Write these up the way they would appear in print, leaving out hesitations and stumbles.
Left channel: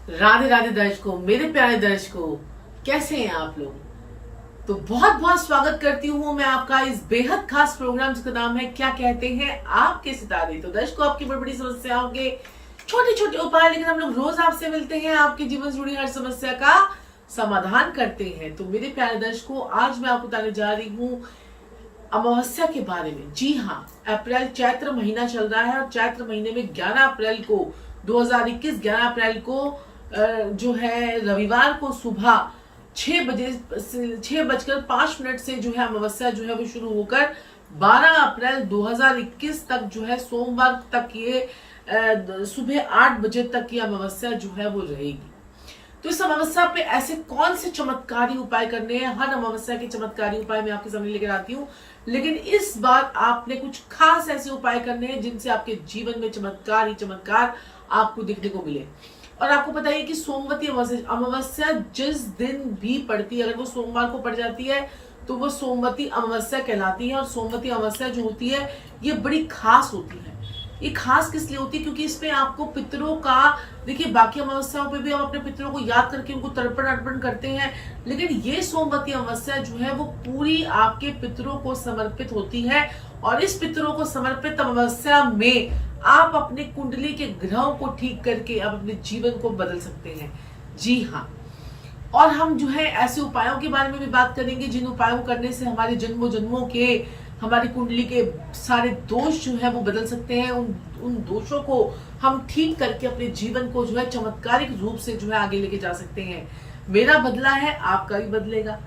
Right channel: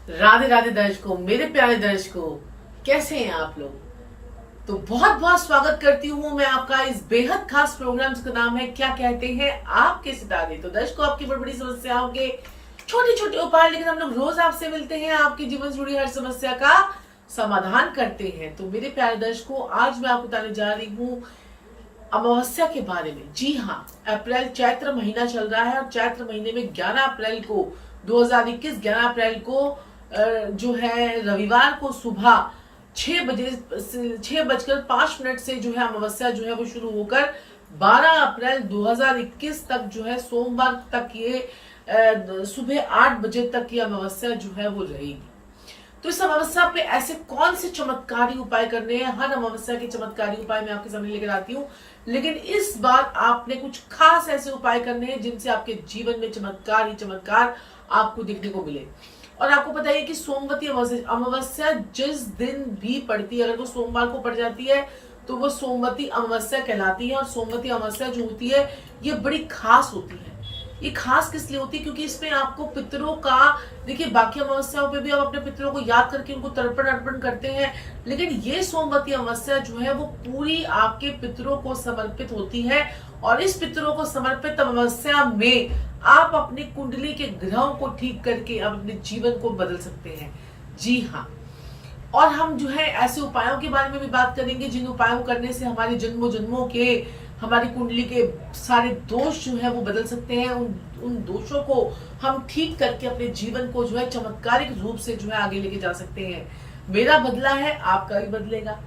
राधे राधे दर्शकों, मेरे प्यारे दर्शकों, कैसे हैं आप लोग। तो बहुत बहुत स्वागत करती हूँ मैं आपका इस बेहद खास प्रोग्राम जिसका नाम है क्या कहते हैं आपके सितारे। तो दर्शकों, आपकी बड़ी बड़ी समस्याओं के छोटे छोटे उपाय लेकिन हम लोग रोज आपसे मिलते हैं, आपके जीवन से जुड़ी हर समस्या का समाधान करते हैं। तो मेरे प्यारे दर्शकों, आज मैं आपको बताने जा रही हूँ अमावस्या के बारे में। जी हाँ, अप्रैल चैत्र महीना चल रहा है और चैत्र महीने में 11 अप्रैल को 2021 11 अप्रैल को जो है रविवार को सुबह 6:05 से जो है अमावस्या जो है वो शुरू होकर 12 अप्रैल 2021 तक जो है सोमवार तक ये सुबह 8 बजे तक की अमावस्या जो है वो रहेगी। तो इस अमावस्या पे ऐसे कौन से चमत्कारी उपाय करने हैं, हर अमावस्या के चमत्कारी उपाय मैं आपके सामने लेकर आती हूँ, लेकिन इस बार आपने कुछ खास ऐसे उपाय करने हैं जिनसे आपके जीवन में चमत्कार ही चमत्कार आपको देखने को मिले। और आपको पता है कि सोमवती अमावस्या जिस दिन भी पड़ती है, अगर वो सोमवार को पड़ जाती है तो वो सोमवती अमावस्या कहलाती है। और सोमवती अमावस्या जो होती है ये बड़ी खास होती है। ये खास किस लिए होती है? क्योंकि इसमें आपको पितरों का, देखिए बाकी अमावस्याओं पे भी आप अपने पितरों को याद करके उनको तर्पण अर्पण करते हैं, लेकिन ये सोमवती अमावस्या जो है वो पूरी आपके पितरों को समर्पित होती है। और इस पितरों को समर्पित अमावस्या में आप अपनी कुंडली के ग्रहों को ठीक करके आप अपने जीवन को बदल सकते हैं। जी हाँ, और हम जो है ऐसे उपायों के बारे में भी बात करेंगे जिन उपायों करने से हमारे जन्मों जन्मों के, हमारी कुंडली के सारे दोष जो है वो बदल सकते हैं। उन दोषों को हम ठीक करके अपने जीवन को जो है चमत्कारिक रूप से जो है आगे लेके जा सकते हैं। मेरा बदला है, आपका भी बदलेगा।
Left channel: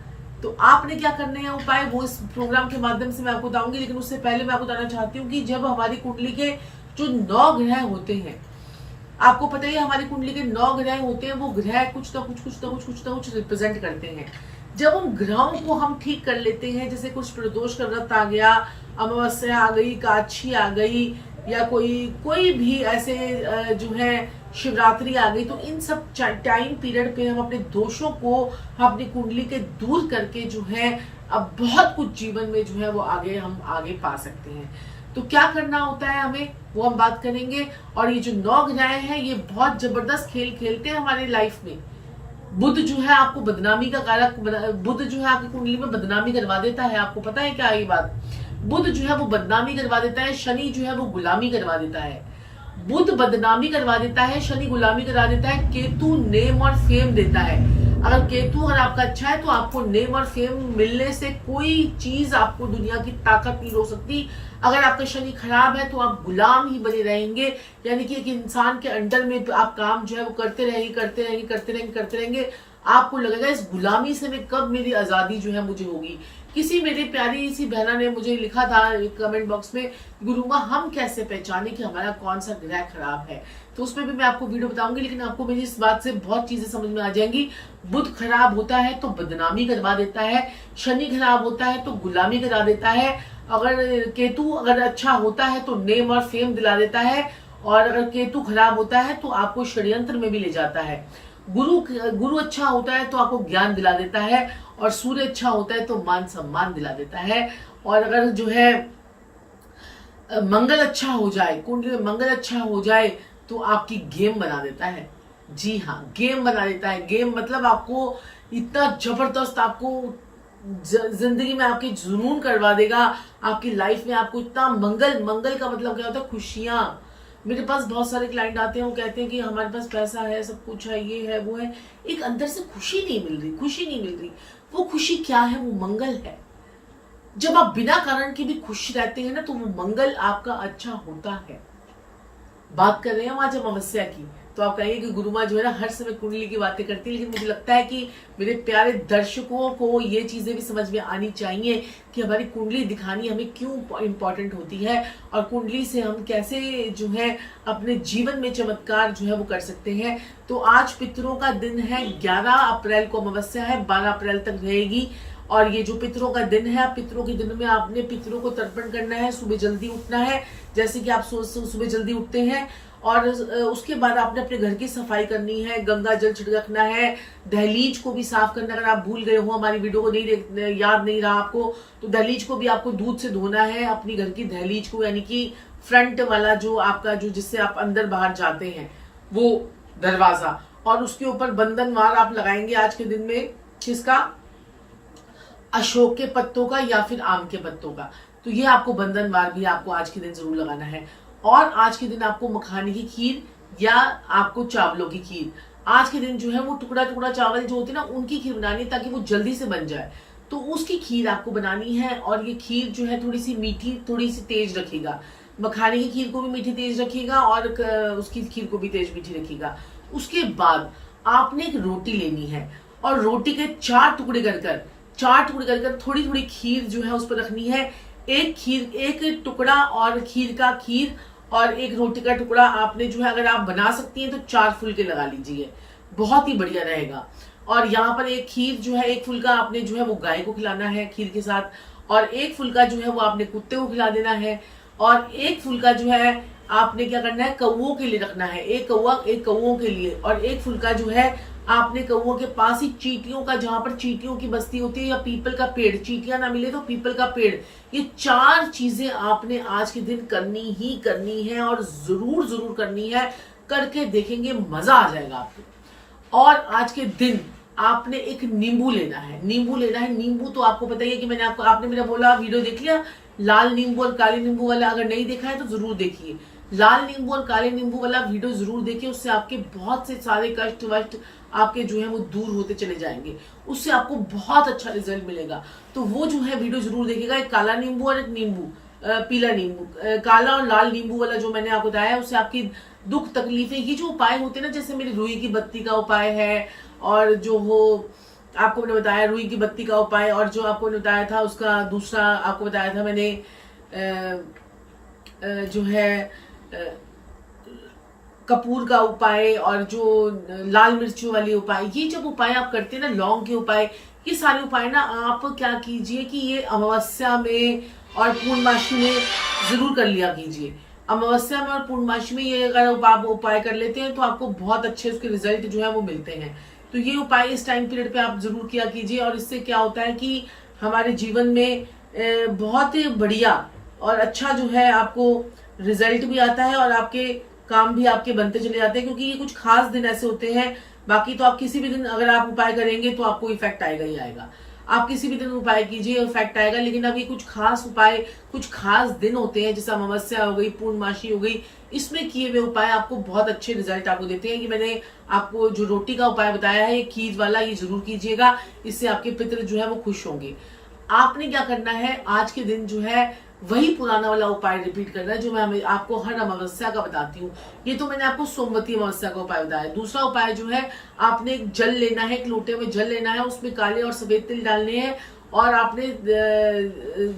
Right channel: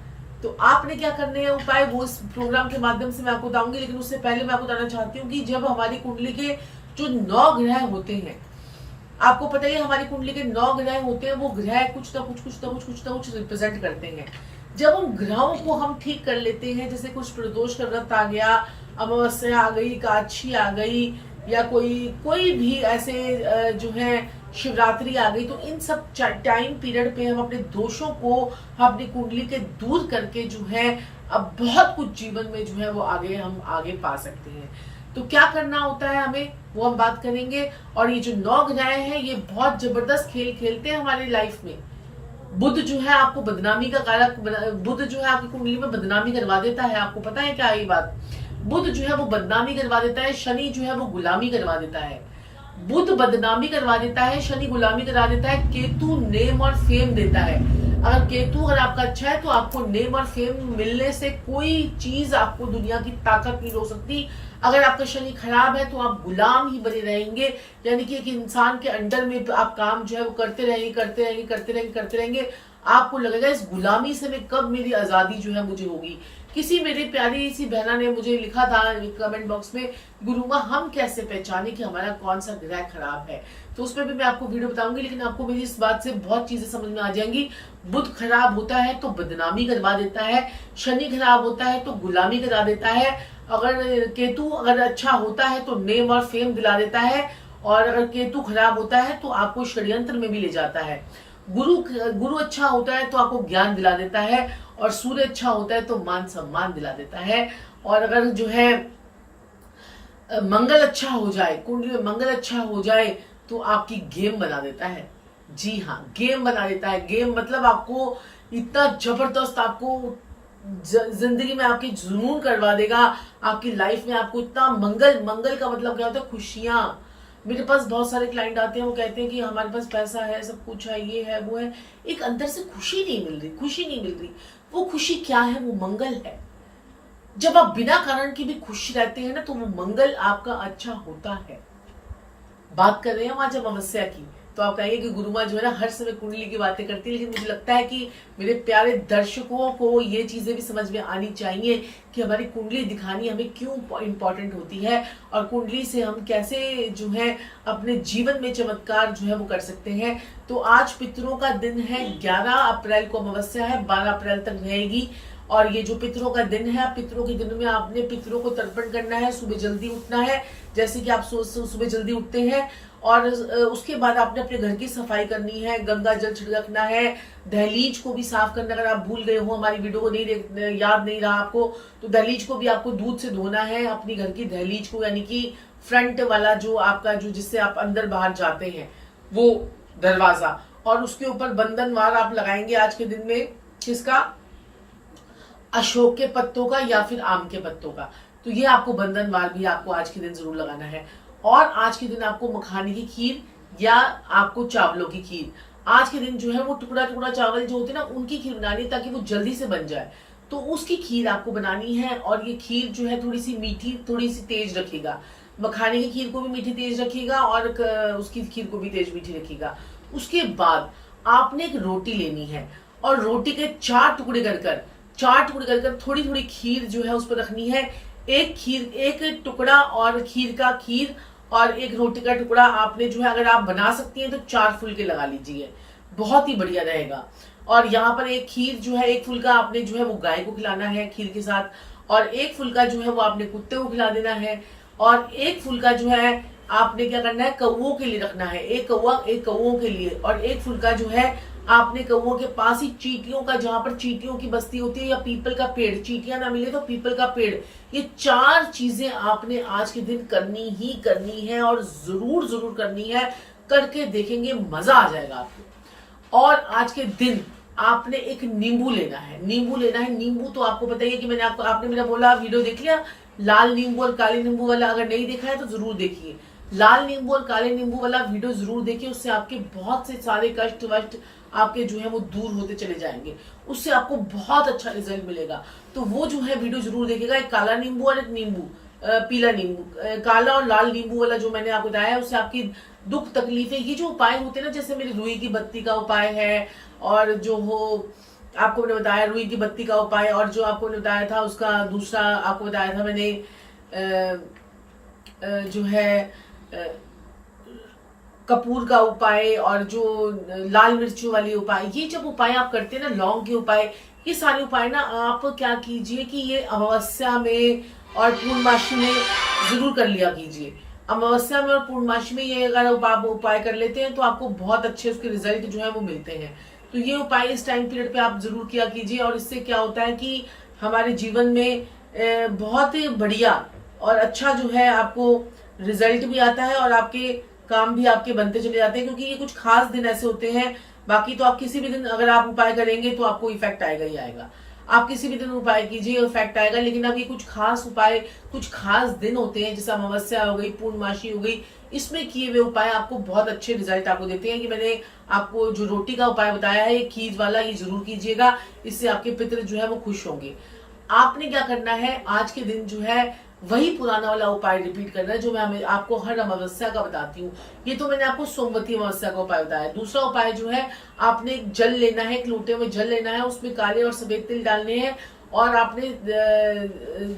तो आपने क्या करने हैं उपाय, वो इस प्रोग्राम के माध्यम से मैं आपको बताऊंगी। लेकिन उससे पहले मैं आपको बताना चाहती हूँ कि जब हमारी कुंडली के जो 9 ग्रह होते हैं, आपको पता ही है हमारी कुंडली के 9 ग्रह होते हैं, वो ग्रह कुछ ना कुछ रिप्रेजेंट करते हैं। जब उन ग्रहों को हम ठीक कर लेते हैं, जैसे कुछ प्रदोष का व्रत आ गया, अमावस्या आ गई, काछी आ गई, या कोई भी ऐसे जो है शिवरात्रि आ गई, तो इन सब टाइम पीरियड पे हम अपने दोषों को अपनी कुंडली के दूर करके जो है अब बहुत कुछ जीवन में जो है वो हम आगे पा सकते हैं। तो क्या करना होता है हमें, वो हम बात करेंगे। और ये जो 9 ग्रह हैं ये बहुत जबरदस्त खेल खेलते हैं हमारे लाइफ में। बुध जो है आपको बदनामी का कारक, बुध जो है आपकी कुंडली में बदनामी करवा देता है। आपको पता है क्या ये बात? बुध जो है वो बदनामी करवा देता है, शनि जो है वो गुलामी करवा देता है। बुध बदनामी करवा देता है, शनि गुलामी करा देता है, केतु नेम और फेम देता है। अगर केतु अगर आपका अच्छा है तो आपको नेम और फेम मिलने से कोई चीज आपको दुनिया की ताकत नहीं रोक सकती। अगर आपका शनि खराब है तो आप गुलाम ही बने रहेंगे, यानी कि एक इंसान के अंडर में आप काम जो है वो करते रहेंगे। आपको लगेगा इस गुलामी से मैं कब मेरी आजादी जो है मुझे होगी। किसी मेरी प्यारी सी बहना ने मुझे लिखा था कमेंट बॉक्स में, गुरुमा हम कैसे पहचाने कि हमारा कौन सा ग्रह खराब है। तो उसमें भी मैं आपको वीडियो बताऊंगी, लेकिन आपको मेरी इस बात से बहुत चीजें समझ में आ जाएंगी। बुध खराब होता है तो बदनामी करवा देता है, शनि खराब होता है तो गुलामी करा देता है, अगर केतु अगर अच्छा होता है तो नेम और फेम दिला देता है, और अगर केतु खराब होता है तो आपको षड्यंत्र में भी ले जाता है। गुरु अच्छा होता है तो आपको ज्ञान दिला देता है, और सूर्य अच्छा होता है तो मान सम्मान दिला देता है। और अगर जो है मंगल अच्छा हो जाए, कुंडली में मंगल अच्छा हो जाए तो आपकी गेम बना देता है। जी हाँ, गेम बना देता है। गेम मतलब आपको इतना जबरदस्त, आपको जिंदगी में आपके जुनून करवा देगा, आपकी लाइफ में आपको इतना मंगल का मतलब क्या होता है? खुशियां। मेरे पास बहुत सारे क्लाइंट आते हैं, वो कहते हैं कि हमारे पास पैसा है, सब कुछ है, ये है वो है, एक अंदर से खुशी नहीं मिल रही। वो खुशी क्या है? वो मंगल है। जब आप बिना कारण के भी खुश रहते हैं ना, तो वो मंगल आपका अच्छा होता है। बात कर रहे हैं हम आज अमावस्या की। तो आप कहेंगे कि गुरुमा जो है ना हर समय कुंडली की बातें करती है, लेकिन मुझे लगता है कि मेरे प्यारे दर्शकों को ये चीजें भी समझ में आनी चाहिए कि हमारी कुंडली दिखानी हमें क्यों इंपॉर्टेंट होती है, और कुंडली से हम कैसे जो है अपने जीवन में चमत्कार जो है वो कर सकते हैं। तो आज पितरों का दिन है, 11 अप्रैल को अमावस्या है, 12 अप्रैल तक रहेगी। और ये जो पितरों का दिन है, पितरों के दिन में आपने पितरों को तर्पण करना है, सुबह जल्दी उठना है। जैसे कि आप सुबह जल्दी उठते हैं, और उसके बाद आपने अपने घर की सफाई करनी है, गंगा जल छिड़कना है, दहलीज को भी साफ करना। अगर आप भूल गए हो, हमारी वीडियो को नहीं याद नहीं रहा आपको, तो दहलीज को भी आपको दूध से धोना है, अपनी घर की दहलीज को, यानी कि फ्रंट वाला जो आपका जो जिससे आप अंदर बाहर जाते हैं वो दरवाजा। और उसके ऊपर बंधनवार आप लगाएंगे आज के दिन में। किसका? अशोक के पत्तों का या फिर आम के पत्तों का। तो ये आपको बंधनवार भी आपको आज के दिन जरूर लगाना है। और आज के दिन आपको मखाने की खीर या आपको चावलों की खीर, आज के दिन जो है वो टुकड़ा टुकड़ा चावल जो होते हैं ना, उनकी खीर बनानी, ताकि वो जल्दी से बन जाए। तो उसकी खीर आपको बनानी है। और ये खीर जो है थोड़ी सी मीठी, थोड़ी सी तेज रखिएगा। मखाने की खीर को भी मीठी तेज रखिएगा और उसकी खीर को भी तेज मीठी रखिएगा। उसके बाद आपने एक रोटी लेनी है और रोटी के 4 टुकड़े कर थोड़ी थोड़ी खीर जो है उस पर रखनी है। एक टुकड़ा और खीर और एक रोटी का टुकड़ा आपने जो है, अगर आप बना सकती हैं तो 4 फुलके लगा लीजिए, बहुत ही बढ़िया रहेगा। और यहाँ पर एक खीर जो है, एक फुलका आपने जो है वो गाय को खिलाना है खीर के साथ, और एक फुलका जो है वो आपने कुत्ते को खिला देना है, और एक फुलका जो है आपने क्या करना है, कौओं के लिए रखना है। एक कौओं के लिए, और एक फुलका जो है आपने कौओं के पास ही चींटियों का, जहां पर चींटियों की बस्ती होती है, या पीपल का पेड़, चींटियां ना मिले तो पीपल का पेड़, ये 4 चीजें आपने आज के दिन करनी ही करनी है और जरूर जरूर करनी है। करके देखेंगे, मजा आ जाएगा आपको। और आज के दिन आपने एक नींबू लेना है। नींबू तो आपको पता ही है कि आपने मेरा बोला, वीडियो देख लिया लाल नींबू और काले नींबू वाला। अगर नहीं देखा है तो जरूर देखिए, लाल नींबू और काले नींबू वाला वीडियो जरूर देखिए। उससे आपके बहुत से सारे कष्ट वष्ट आपके जो है वो दूर होते चले जाएंगे, उससे आपको बहुत अच्छा रिजल्ट मिलेगा। तो वो जो है वीडियो जरूर देखिएगा। एक काला नींबू और एक नींबू, पीला नींबू, काला और लाल नींबू वाला जो मैंने आपको बताया, उससे आपकी दुख तकलीफें, ये जो उपाय होते हैं ना, जैसे मेरी रुई की बत्ती का उपाय है, और जो हो आपको मैंने बताया रुई की बत्ती का उपाय, और जो आपको मैंने बताया था उसका दूसरा आपको बताया था मैंने जो है कपूर का उपाय, और जो लाल मिर्चों वाले उपाय, ये जब उपाय आप करते हैं ना, लौंग के उपाय, ये सारे उपाय ना आप क्या कीजिए कि ये अमावस्या में और पूर्णमासी में जरूर कर लिया कीजिए। अमावस्या में और पूर्णमासी में ये अगर आप उपाय कर लेते हैं तो आपको बहुत अच्छे उसके रिजल्ट जो है वो मिलते हैं। तो ये उपाय इस टाइम पीरियड पे आप जरूर किया कीजिए। और इससे क्या होता है कि हमारे जीवन में बहुत ही बढ़िया और अच्छा जो है आपको रिजल्ट भी आता है, और आपके काम भी आपके बनते चले जाते हैं, क्योंकि ये कुछ खास दिन ऐसे होते हैं। बाकी तो आप किसी भी दिन अगर आप उपाय करेंगे तो आपको इफेक्ट आएगा ही आएगा। आप किसी भी दिन उपाय कीजिए, इफेक्ट आएगा। लेकिन अब ये कुछ खास उपाय, कुछ खास दिन होते हैं, जैसे अमावस्या हो गई, पूर्णमासी हो गई, इसमें किए हुए उपाय आपको बहुत अच्छे रिजल्ट आपको देते हैं। कि मैंने आपको जो रोटी का उपाय बताया है, ये खीर वाला, ये जरूर कीजिएगा। इससे आपके पितृ जो है वो खुश होंगे। आपने क्या करना है, आज के दिन जो है वही पुराना वाला उपाय रिपीट करना है जो मैं आपको हर अमावस्या का बताती हूँ। ये तो मैंने आपको सोमवती अमावस्या का उपाय बताया। दूसरा उपाय जो है, आपने एक जल लेना है, एक लोटे में जल लेना है, उसमें काले और सफेद तिल डालने हैं, और आपने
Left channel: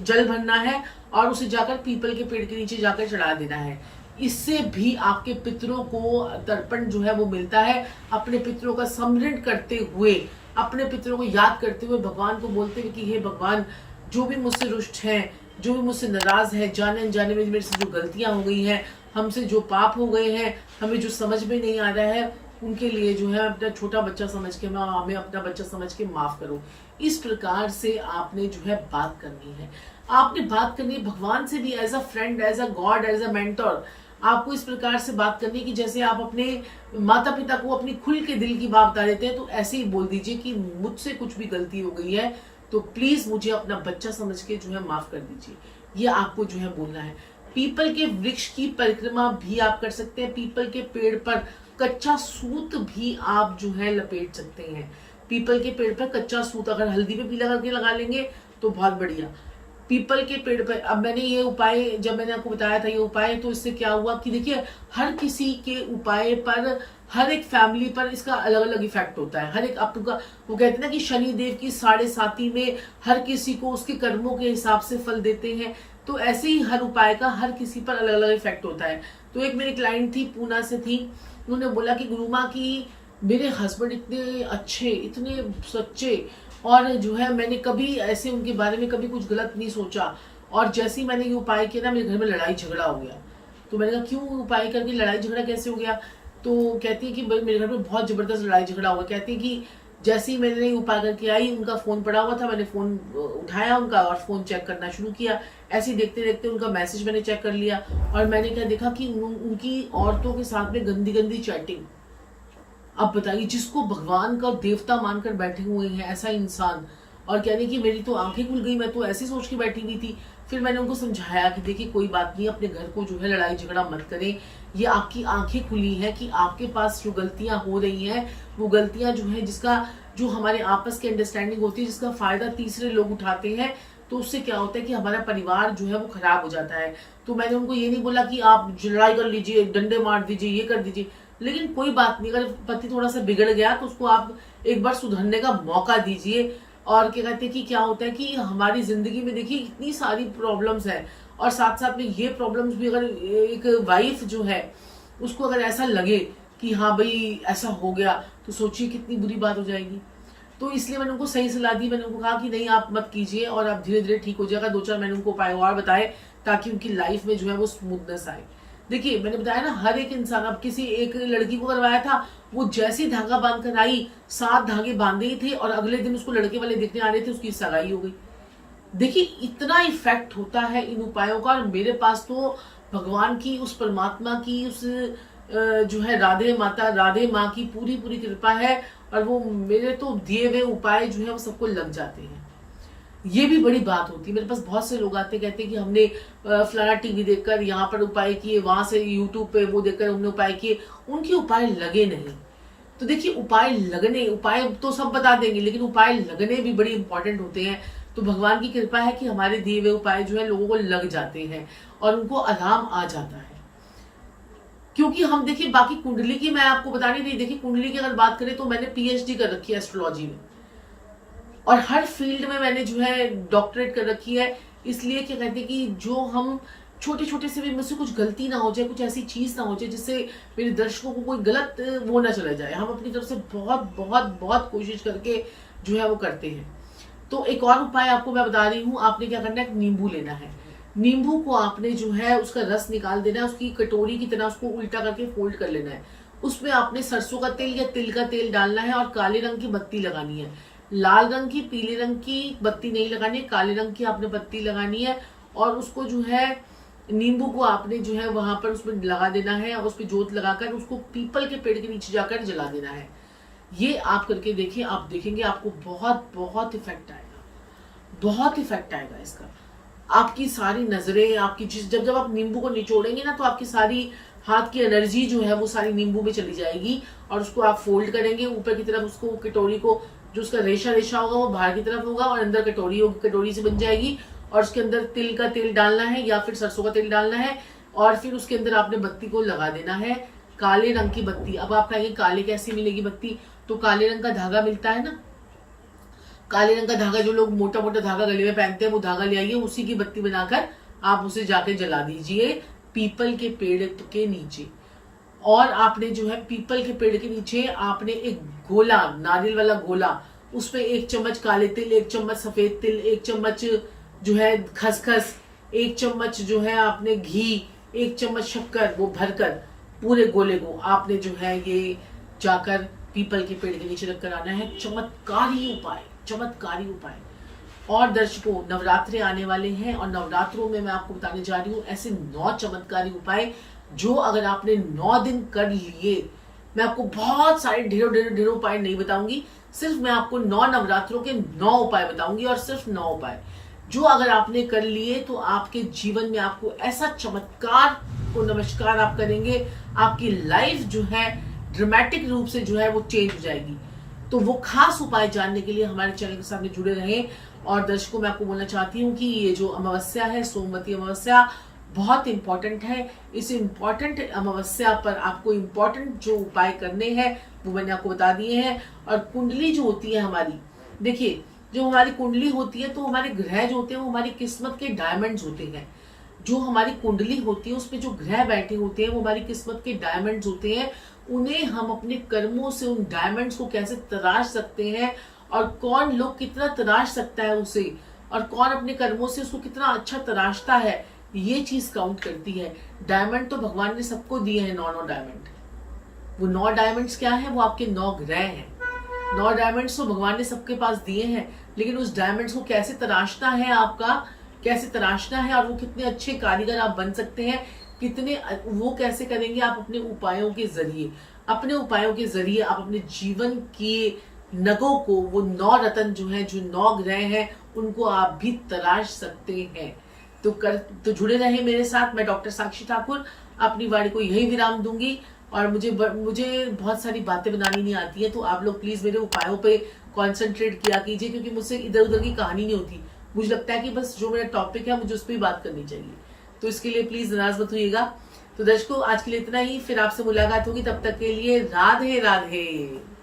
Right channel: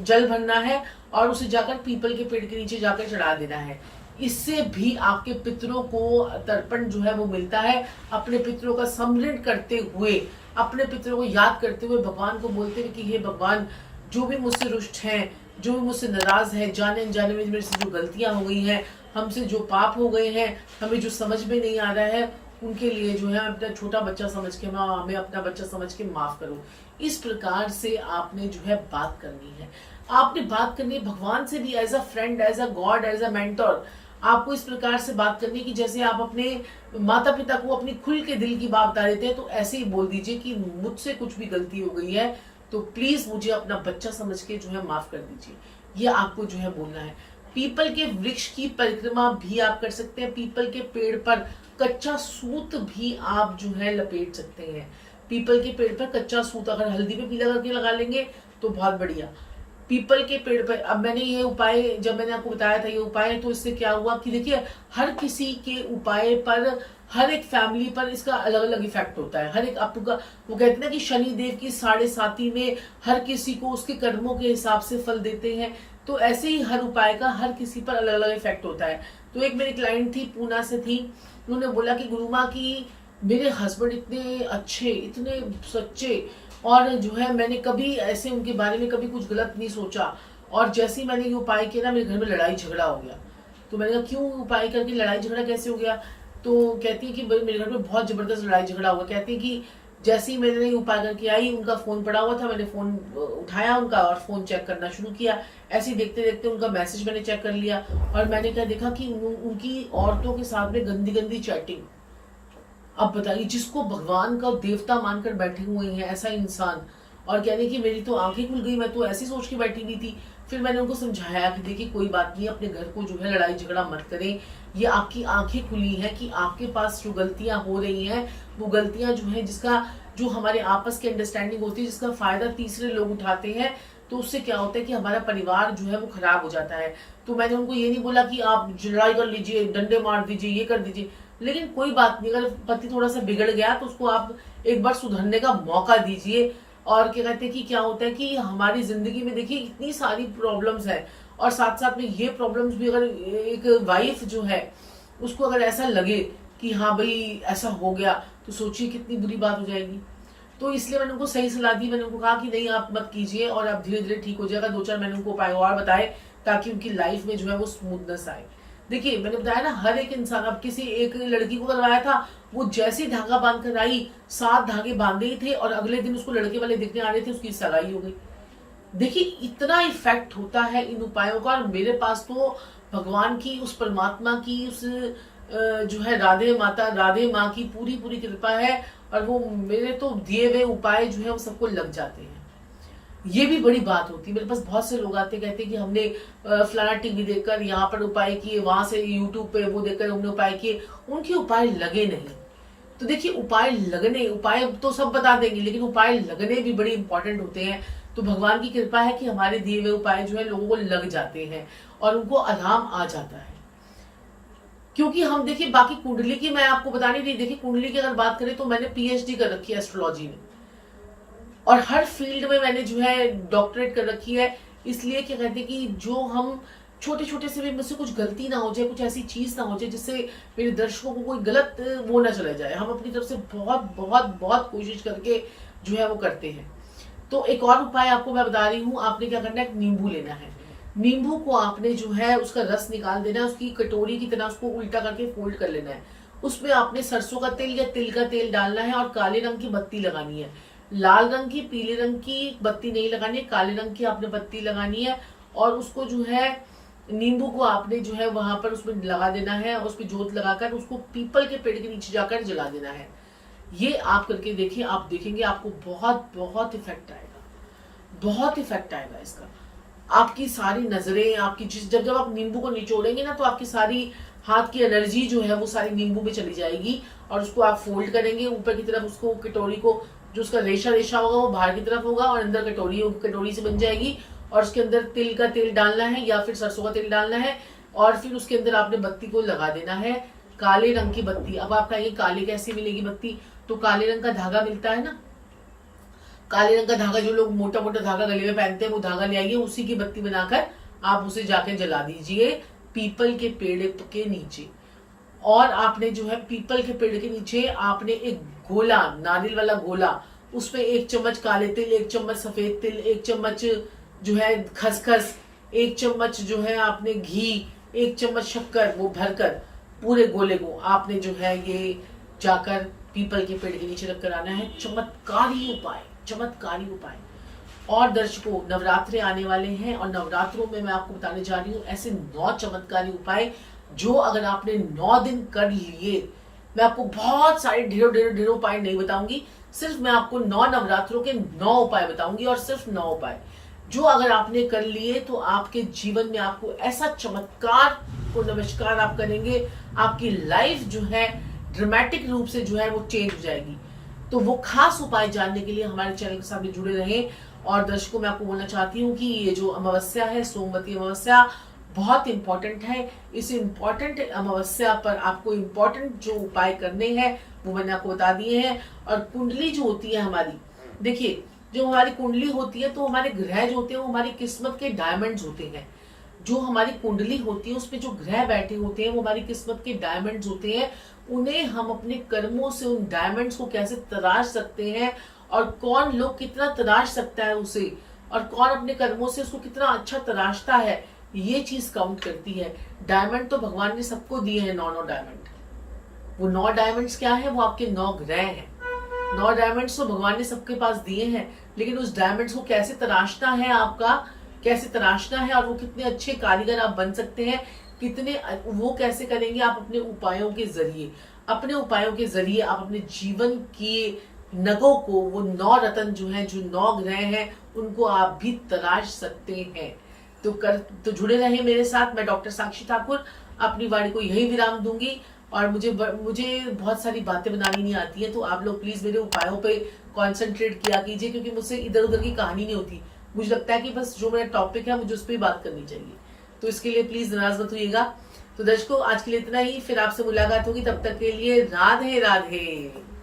जल भरना है और उसे जाकर पीपल के पेड़ के नीचे जाकर चढ़ा देना है। इससे भी आपके पितरों को तर्पण जो है वो मिलता है। अपने पितरों का स्मरण करते हुए, अपने पितरों को याद करते हुए, भगवान को बोलते हुए कि हे भगवान, जो भी मुझसे रुष्ट हैं, जो भी मुझसे नाराज है, जाने अनजाने में मेरे से जो गलतियां हो गई हैं, हमसे जो पाप हो गए हैं, हमें जो समझ में नहीं आ रहा है, उनके लिए जो है अपना छोटा बच्चा समझ के, हमें अपना बच्चा समझ के माफ करो। इस प्रकार से आपने जो है बात करनी है। आपने बात करनी है भगवान से भी, as a friend, as a god, as a mentor. आपको इस प्रकार से बात करनी है कि जैसे आप अपने माता पिता को अपनी खुल के दिल की बात बता देते हैं, तो ऐसे ही बोल दीजिए कि मुझसे कुछ भी गलती हो गई है तो प्लीज मुझे अपना बच्चा समझ के जो है माफ कर दीजिए। ये आपको जो है बोलना है। पीपल के वृक्ष की परिक्रमा भी आप कर सकते हैं। पीपल के पेड़ पर कच्चा सूत भी आप जो है लपेट सकते हैं। पीपल के पेड़ पर कच्चा सूत अगर हल्दी पे पीला करके लगा लेंगे तो बहुत बढ़िया। पीपल के पेड़ पर, अब मैंने ये उपाय, जब मैंने आपको बताया था ये उपाय, तो इससे क्या हुआ कि देखिए, हर किसी के उपाय पर, हर एक फैमिली पर इसका अलग अलग इफेक्ट होता है। हर एक आपका, वो कहते हैं ना कि शनि देव की 7.5 में हर किसी को उसके कर्मों के हिसाब से फल देते हैं। तो ऐसे ही हर उपाय का हर किसी पर अलग अलग इफेक्ट होता है। तो एक मेरी क्लाइंट थी, पूना से थी, उन्होंने बोला कि गुरुमा की मेरे हस्बैंड इतने अच्छे, इतने सच्चे, और जो है मैंने कभी ऐसे उनके बारे में कभी कुछ गलत नहीं सोचा, और जैसे ही मैंने ये उपाय किया ना, मेरे घर में लड़ाई झगड़ा हो गया। तो मैंने कहा क्यों, उपाय करके लड़ाई झगड़ा कैसे हो गया? तो कहती है कि मेरे घर में बहुत जबरदस्त लड़ाई झगड़ा हुआ। कहती है कि जैसे ही मैंने ये उपाय करके आई, उनका फोन पड़ा हुआ था, मैंने फोन उठाया उनका और फोन चेक करना शुरू किया। ऐसे ही देखते देखते उनका मैसेज मैंने चेक कर लिया, और मैंने क्या देखा कि उनकी औरतों के साथ में गंदी गंदी चैटिंग, अब बताइए, जिसको भगवान का देवता मानकर बैठे हुए हैं ऐसा इंसान, और कहने की मेरी तो आंखें खुल गई, मैं तो ऐसी सोच के बैठी हुई थी। फिर मैंने उनको समझाया कि देखिए कोई बात नहीं, अपने घर को जो है लड़ाई झगड़ा मत करें, ये आपकी आंखें खुली हैं कि आपके पास जो गलतियां हो रही हैं वो गलतियां जो है, जिसका जो हमारे आपस की अंडरस्टैंडिंग होती है, जिसका फायदा तीसरे लोग उठाते हैं, तो उससे क्या होता है कि हमारा परिवार जो है वो खराब हो जाता है। तो मैंने उनको ये नहीं बोला कि आप लड़ाई कर लीजिए, डंडे मार दीजिए, ये कर दीजिए, लेकिन कोई बात नहीं, अगर पति थोड़ा सा बिगड़ गया तो उसको आप एक बार सुधरने का मौका दीजिए। और क्या कहते हैं कि क्या होता है कि हमारी जिंदगी में देखिए इतनी सारी प्रॉब्लम्स है, और साथ साथ में ये प्रॉब्लम्स भी, अगर एक वाइफ जो है उसको अगर ऐसा लगे कि हाँ भाई ऐसा हो गया, तो सोचिए कितनी बुरी बात हो जाएगी। तो इसलिए मैंने उनको सही सलाह दी, मैंने उनको कहा कि नहीं आप मत कीजिए, और आप धीरे धीरे ठीक हो जाएगा। 2-4 मैंने उनको उपाय और बताए ताकि उनकी लाइफ में जो है वो स्मूथनेस आए। देखिए मैंने बताया ना, हर एक इंसान, अब किसी एक लड़की को करवाया था, वो जैसी धागा बांध कर आई, 7 धागे बांधे ही थे, और अगले दिन उसको लड़के वाले देखने आ रहे थे, उसकी सगाई हो गई। देखिए इतना इफेक्ट होता है इन उपायों का, और मेरे पास तो भगवान की, उस परमात्मा की, उस जो है राधे माता, राधे माँ की पूरी पूरी कृपा है, और वो मेरे तो दिए हुए उपाय जो है वो सबको लग जाते हैं। ये भी बड़ी बात होती है। मेरे पास बहुत से लोग आते कहते हैं कि हमने फलाना टीवी देखकर यहाँ पर उपाय किए, वहां से यूट्यूब पे वो देखकर हमने उपाय किए, उनके उपाय लगे नहीं। तो देखिए उपाय लगने, उपाय तो सब बता देंगे, लेकिन उपाय लगने भी बड़ी इंपॉर्टेंट होते हैं। तो भगवान की कृपा है कि हमारे दिए हुए उपाय जो है लोगों को लग जाते हैं और उनको आराम आ जाता है। क्योंकि हम देखिए बाकी कुंडली की मैं आपको बता नहीं रही, देखिए कुंडली की अगर बात करें तो मैंने पीएचडी कर रखी है एस्ट्रोलॉजी में, और हर फील्ड में मैंने जो है डॉक्टरेट कर रखी है। इसलिए क्या कहते हैं कि जो हम छोटे छोटे से भी मुझसे कुछ गलती ना हो जाए, कुछ ऐसी चीज ना हो जाए जिससे मेरे दर्शकों को कोई गलत वो ना चला जाए, हम अपनी तरफ से बहुत बहुत बहुत कोशिश करके जो है वो करते हैं। तो एक और उपाय आपको मैं बता रही हूँ, आपने क्या करना है, नींबू लेना है। नींबू को आपने जो है उसका रस निकाल देना है, उसकी कटोरी की तरह उसको उल्टा करके फोल्ड कर लेना है। उसमें आपने सरसों का तेल या तिल का तेल डालना है, और काले रंग की बत्ती लगानी है। लाल रंग की, पीले रंग की बत्ती नहीं लगानी है, काले रंग की आपने बत्ती लगानी है। और उसको जो है नींबू को आपने जो है वहां पर उसमें लगा देना है, और उस पर जोत लगाकर उसको पीपल के पेड़ के नीचे जाकर जला देना है। ये आप करके देखिए, आप देखेंगे आपको बहुत बहुत इफेक्ट आएगा, बहुत इफेक्ट आएगा इसका। आपकी सारी नजरें, आपकी जब जब आप नींबू को निचोड़ेंगे ना, तो आपकी सारी हाथ की एनर्जी जो है वो सारी नींबू में चली जाएगी। और उसको आप फोल्ड करेंगे ऊपर की तरफ, उसको कटोरी को, जो उसका रेशा रेशा होगा वो बाहर की तरफ होगा, और अंदर कटोरी होगी, कटोरी से बन जाएगी। और उसके अंदर तिल का तेल डालना है या फिर सरसों का तेल डालना है, और फिर उसके अंदर आपने बत्ती को लगा देना है, काले रंग की बत्ती। अब आप कहेंगे काले कैसे मिलेगी बत्ती, तो काले रंग का धागा मिलता है ना, काले रंग का धागा, जो लोग मोटा मोटा धागा गले में पहनते हैं, वो धागा ले आइए, उसी की बत्ती बनाकर आप उसे जाके जला दीजिए पीपल के पेड़ के नीचे। और आपने जो है पीपल के पेड़ के नीचे आपने एक गोला, नारियल वाला गोला, उसमें 1 चम्मच काले तिल, 1 चम्मच सफेद तिल, 1 चम्मच जो है खसखस, 1 चम्मच जो है आपने घी, 1 चम्मच शक्कर, वो भरकर पूरे गोले को आपने जो है ये जाकर पीपल के पेड़ के नीचे रखकर आना है। चमत्कारी उपाय, चमत्कारी उपाय। और दर्शकों, नवरात्रे आने वाले हैं, और नवरात्रों में मैं आपको बताने जा रही हूँ ऐसे 9 चमत्कारी उपाय, जो अगर आपने 9 दिन कर लिए, मैं आपको बहुत सारे ढेरों उपाय नहीं बताऊंगी, सिर्फ मैं आपको 9 नवरात्रों के 9 उपाय बताऊंगी, और सिर्फ 9 उपाय जो अगर आपने कर लिए तो आपके जीवन में आपको ऐसा चमत्कार को नमस्कार आप करेंगे, आपकी लाइफ जो है ड्रामेटिक रूप से जो है वो चेंज हो जाएगी। तो वो खास उपाय जानने के लिए हमारे चैनल के साथ में जुड़े रहें। और दर्शकों, मैं आपको बोलना चाहती हूँ कि ये जो अमावस्या है, सोमवती अमावस्या, बहुत इंपॉर्टेंट है। इस इंपॉर्टेंट अमावस्या पर आपको इंपॉर्टेंट जो उपाय करने हैं वो मैंने आपको बता दिए हैं। और कुंडली जो होती है हमारी, देखिए जो हमारी कुंडली होती है, तो हमारे ग्रह जो होते हैं वो हमारी किस्मत के डायमंड्स होते हैं। जो हमारी कुंडली होती है उसमें जो ग्रह बैठे होते हैं वो हमारी किस्मत के डायमंड्स होते हैं। उन्हें हम अपने कर्मों से उन डायमंड्स को कैसे तराश सकते हैं, और कौन लोग कितना तराश सकता है उसे, और कौन अपने कर्मों से उसको कितना अच्छा तराशता है, ये चीज काउंट करती है। डायमंड तो भगवान ने सबको दिए हैं, 9 डायमंड। वो 9 डायमंड्स क्या है, वो आपके 9 ग्रह हैं। 9 डायमंड्स तो भगवान ने सबके पास दिए हैं, लेकिन उस डायमंड्स को कैसे तराशना है, आपका कैसे तराशना है, और वो कितने अच्छे कारीगर आप बन सकते हैं, कितने वो कैसे करेंगे आप अपने उपायों के जरिए। अपने उपायों के जरिए आप अपने जीवन के नगों को, वो 9 रत्न जो हैं, जो 9 ग्रह हैं, उनको आप भी तराश सकते हैं। तो जुड़े रहें मेरे साथ। मैं डॉक्टर साक्षी ठाकुर अपनी वाणी को यही विराम दूंगी। और मुझे बहुत सारी बातें बनानी नहीं आती है, तो आप लोग प्लीज मेरे उपायों पे कंसंट्रेट किया कीजिए, क्योंकि मुझसे इधर उधर की कहानी नहीं होती। मुझे लगता है कि बस जो मेरा टॉपिक है मुझे उस पर ही बात करनी चाहिए, तो इसके लिए प्लीज नाराज मत होइएगा। तो दर्शकों, आज के लिए इतना ही, फिर आपसे मुलाकात होगी, तब तक के लिए राधे राधे।